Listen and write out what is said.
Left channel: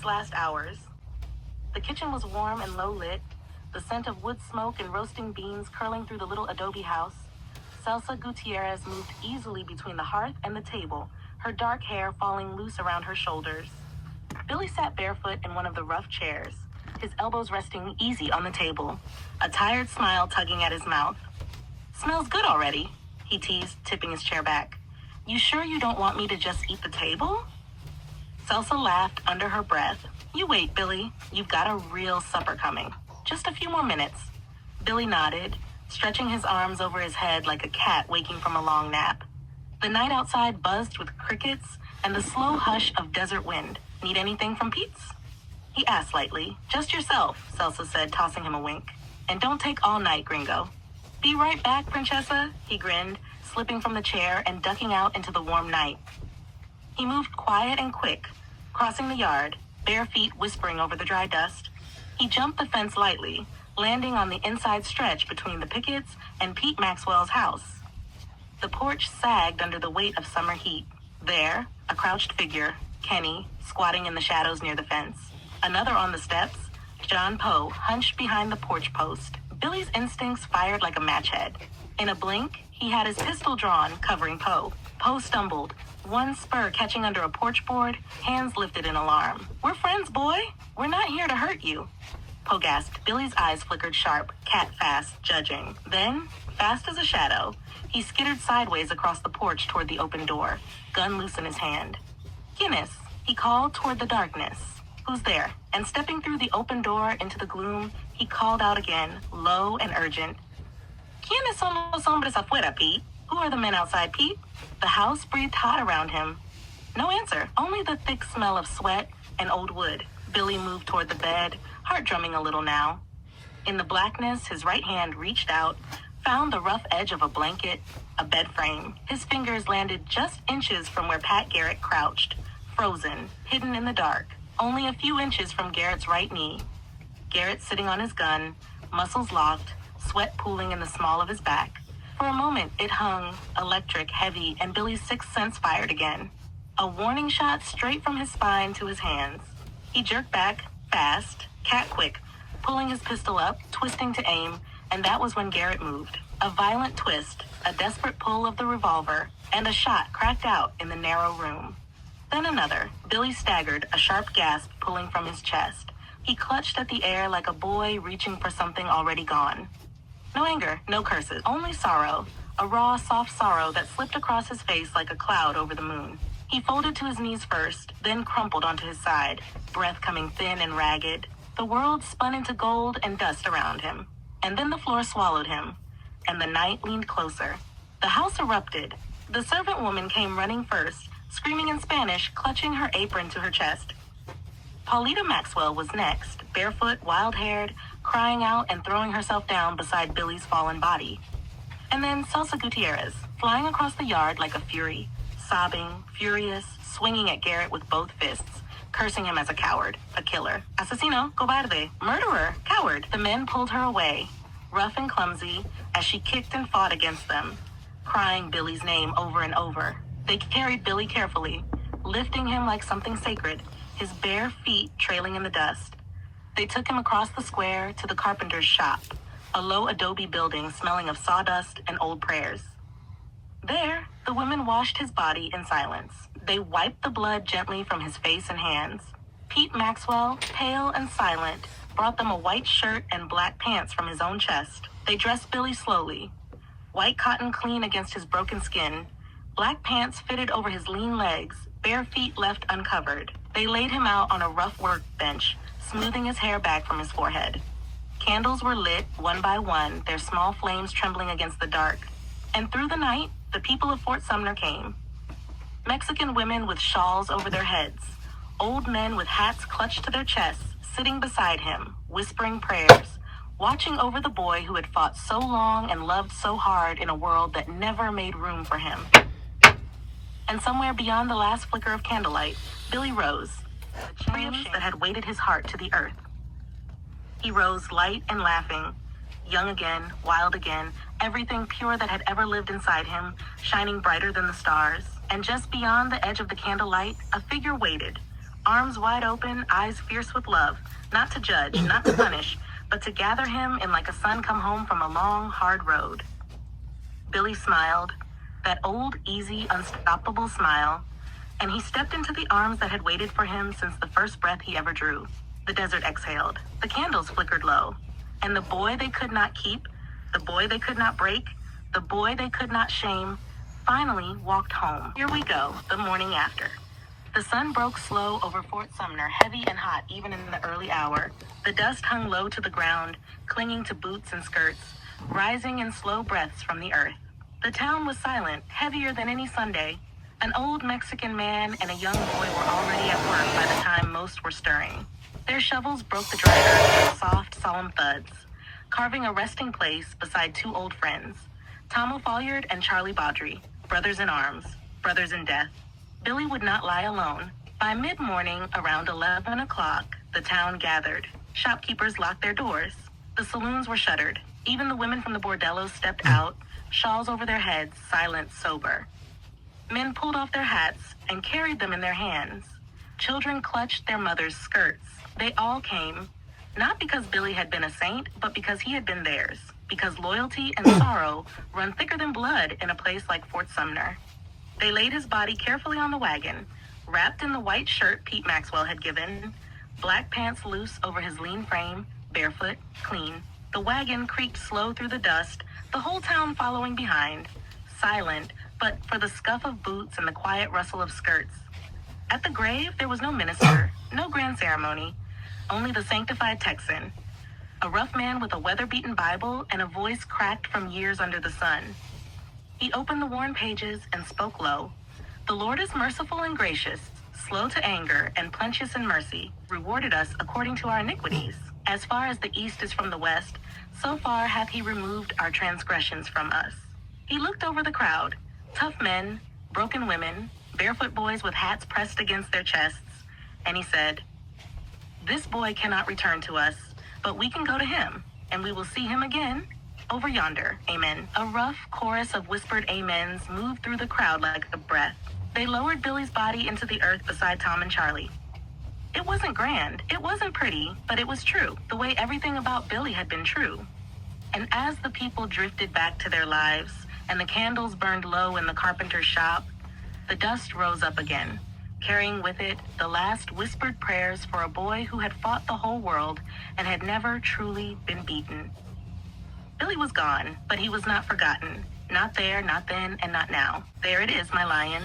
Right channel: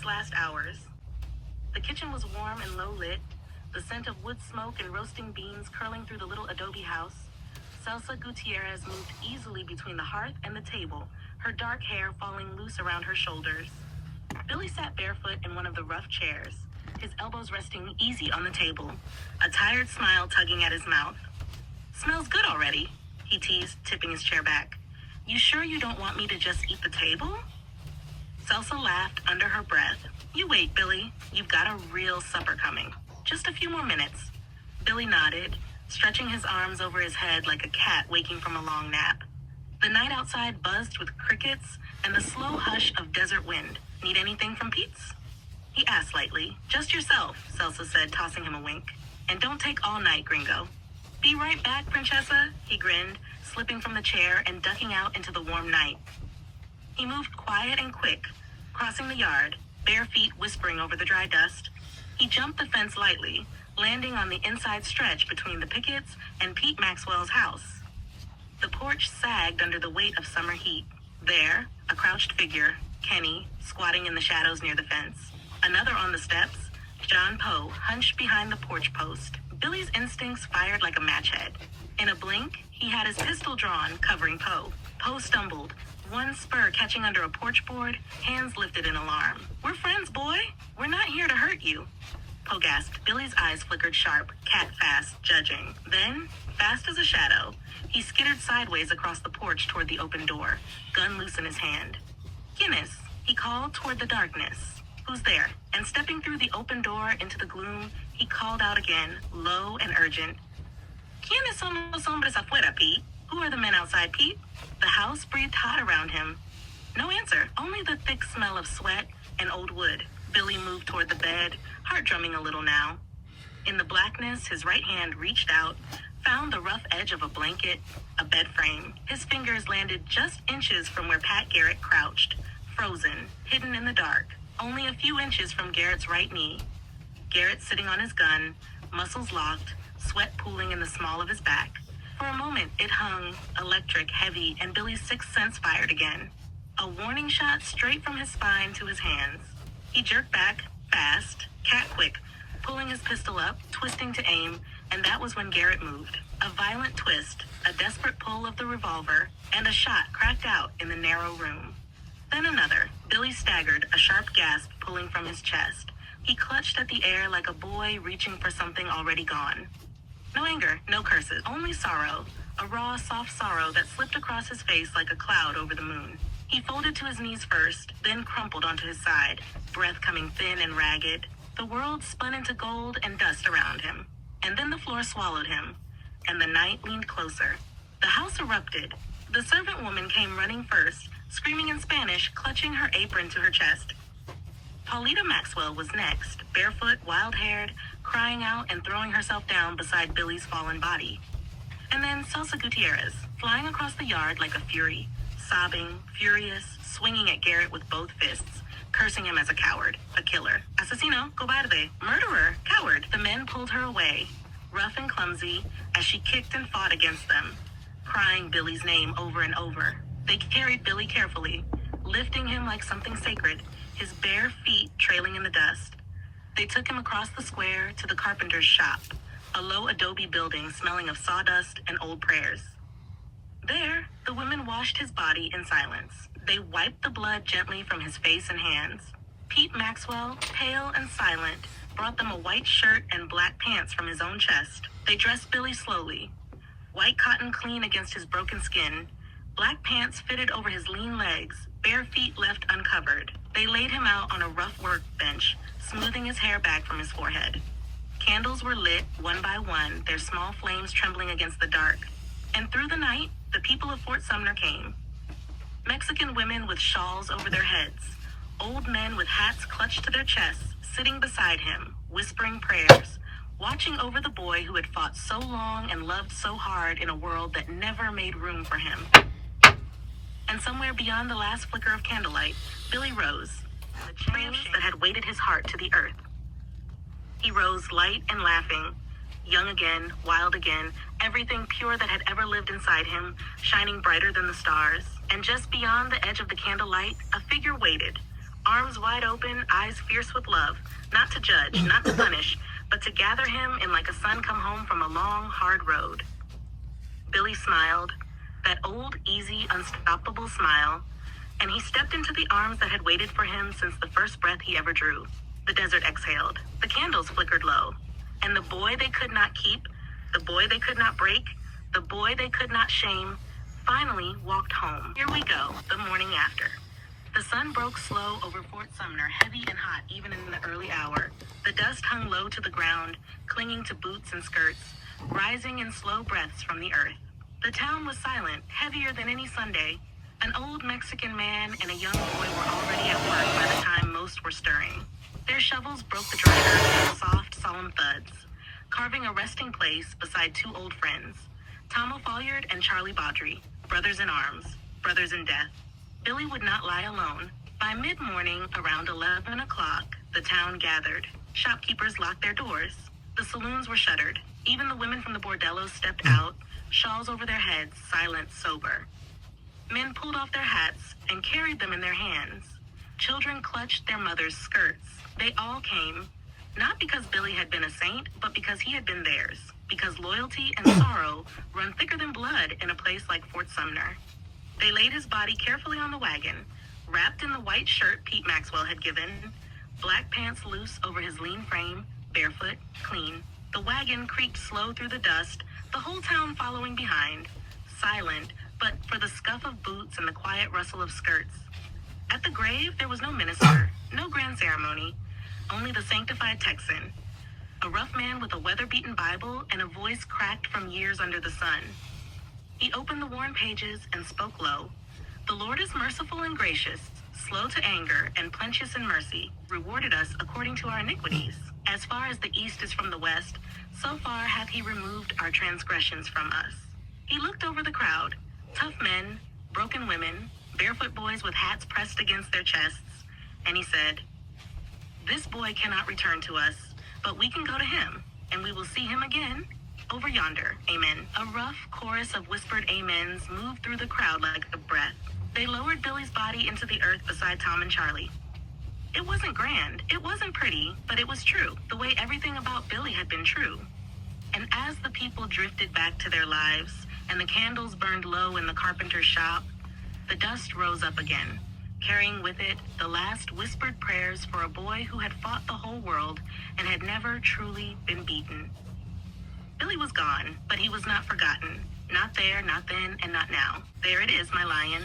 Billy's last hours. The kitchen was warm and low lit, the scent of wood smoke and roasting beans curling through the little adobe house. Celsa Gutierrez moved easily between the hearth and the table, her dark hair falling loose around her shoulders. Billy sat barefoot in one of the rough chairs, his elbows resting easy on the table, a tired smile tugging at his mouth. "Smells good already," he teased, tipping his chair back. "You sure you don't want me to just eat the table?" Celsa laughed under her breath. "You wait, Billy. You've got a real supper coming. Just a few more minutes." Billy nodded, stretching his arms over his head like a cat waking from a long nap. The night outside buzzed with crickets and the slow hush of desert wind. "Need anything from Pete's?" He asked lightly. "Just yourself," Celsa said, tossing him a wink. "And don't take all night, gringo." "Be right back, Princessa," he grinned, slipping from the chair and ducking out into the warm night. He moved quiet and quick, crossing the yard, bare feet whispering over the dry dust. He jumped the fence lightly, landing on the inside stretch between the pickets and Pete Maxwell's house. The porch sagged under the weight of summer heat. There, a crouched figure, Kenny, squatting in the shadows near the fence. Another on the steps, John Poe, hunched behind the porch post. Billy's instincts fired like a match head. In a blink, he had his pistol drawn, covering Poe. Poe stumbled, one spur catching under a porch board, hands lifted in alarm. "We're friends, boy. We're not here to hurt you." Poe gasped. Billy's eyes flickered sharp, cat fast, judging. Then, fast as a shadow, he skittered sideways across the porch toward the open door, gun loose in his hand. "Guinness," he called toward the darkness. "Who's there?" And stepping through the open door into the gloom, he called out again, low and urgent. "¿Quiénes son los hombres afuera, Pete? Who are the men outside, Pete?" The house breathed hot around him. No answer, only the thick smell of sweat and old wood. Billy moved toward the bed, heart drumming a little now. In the blackness, his right hand reached out, found the rough edge of a blanket, a bed frame. His fingers landed just inches from where Pat Garrett crouched, frozen, hidden in the dark, only a few inches from Garrett's right knee. Garrett sitting on his gun, muscles locked, sweat pooling in the small of his back. For a moment, it hung, electric, heavy, and Billy's sixth sense fired again. A warning shot straight from his spine to his hands. He jerked back, fast, cat-quick, pulling his pistol up, twisting to aim, and that was when Garrett moved. A violent twist, a desperate pull of the revolver, and a shot cracked out in the narrow room. Then another. Billy staggered, a sharp gasp pulling from his chest. He clutched at the air like a boy reaching for something already gone. No anger, no curses, only sorrow, a raw, soft sorrow that slipped across his face like a cloud over the moon. He folded to his knees first, then crumpled onto his side, breath coming thin and ragged. The world spun into gold and dust around him. And then the floor swallowed him, and the night leaned closer. The house erupted. The servant woman came running first, screaming in Spanish, clutching her apron to her chest. Paulita Maxwell was next, barefoot, wild-haired, crying out and throwing herself down beside Billy's fallen body. And then Celsa Gutierrez, flying across the yard like a fury, sobbing, furious, swinging at Garrett with both fists, cursing him as a coward, a killer. "Asesino, cobarde, murderer, coward." The men pulled her away, rough and clumsy, as she kicked and fought against them, crying Billy's name over and over. They carried Billy carefully, lifting him like something sacred, his bare feet trailing in the dust. They took him across the square to the carpenter's shop, a low adobe building smelling of sawdust and old prayers. There, the women washed his body in silence. They wiped the blood gently from his face and hands. Pete Maxwell, pale and silent, brought them a white shirt and black pants from his own chest. They dressed Billy slowly. White cotton clean against his broken skin, black pants fitted over his lean legs, bare feet left uncovered. They laid him out on a rough workbench, smoothing his hair back from his forehead. Candles were lit, one by one, their small flames trembling against the dark. And through the night, the people of Fort Sumner came. Mexican women with shawls over their heads, old men with hats clutched to their chests, sitting beside him, whispering prayers, watching over the boy who had fought so long and loved so hard in a world that never made room for him. And somewhere beyond the last flicker of candlelight, Billy rose, the flames that had weighted his heart to the earth. He rose light and laughing, young again, wild again, everything pure that had ever lived inside him, shining brighter than the stars. And just beyond the edge of the candlelight, a figure waited, arms wide open, eyes fierce with love, not to judge, not to punish, but to gather him in like a son come home from a long, hard road. Billy smiled, that old, easy, unstoppable smile, and he stepped into the arms that had waited for him since the first breath he ever drew. The desert exhaled. The candles flickered low. And the boy they could not keep, the boy they could not break, the boy they could not shame, finally walked home. Here we go, the morning after. The sun broke slow over Fort Sumner, heavy and hot even in the early hour. The dust hung low to the ground, clinging to boots and skirts, rising in slow breaths from the earth. The town was silent, heavier than any Sunday. An old Mexican man and a young boy were already at work by the time most were stirring. Their shovels broke the dry earth with soft, solemn thuds, carving a resting place beside two old friends, Tom O'Folliard and Charlie Baudry, brothers in arms, brothers in death. Billy would not lie alone. By mid-morning, around 11 o'clock, the town gathered. Shopkeepers locked their doors. The saloons were shuttered. Even the women from the bordellos stepped out, shawls over their heads, silent, sober. Men pulled off their hats and carried them in their hands. Children clutched their mothers' skirts. They all came, not because Billy had been a saint, but because he had been theirs, because loyalty and sorrow run thicker than blood in a place like Fort Sumner. They laid his body carefully on the wagon, wrapped in the white shirt Pete Maxwell had given, black pants loose over his lean frame, barefoot, clean. The wagon creaked slow through the dust, the whole town following behind, silent, but for the scuff of boots and the quiet rustle of skirts. At the grave, there was no minister, no grand ceremony, only the sanctified Texan, a rough man with a weather-beaten Bible and a voice cracked from years under the sun. He opened the worn pages and spoke low. The Lord is merciful and gracious, slow to anger and plenteous in mercy, rewarded us according to our iniquities. As far as the east is from the west, so far hath he removed our transgressions from us. He looked over the crowd, tough men, broken women, barefoot boys with hats pressed against their chests, and he said, "This boy cannot return to us, but we can go to him, and we will see him again over yonder. Amen." A rough chorus of whispered amens moved through the crowd like a breath. They lowered Billy's body into the earth beside Tom and Charlie. It wasn't grand, it wasn't pretty, but it was true, the way everything about Billy had been true. And as the people drifted back to their lives, and the candles burned low in the carpenter's shop, the dust rose up again, carrying with it the last whispered prayers for a boy who had fought the whole world and had never truly been beaten. Billy was gone, but he was not forgotten. Not there, not then, and not now. There it is, my lion.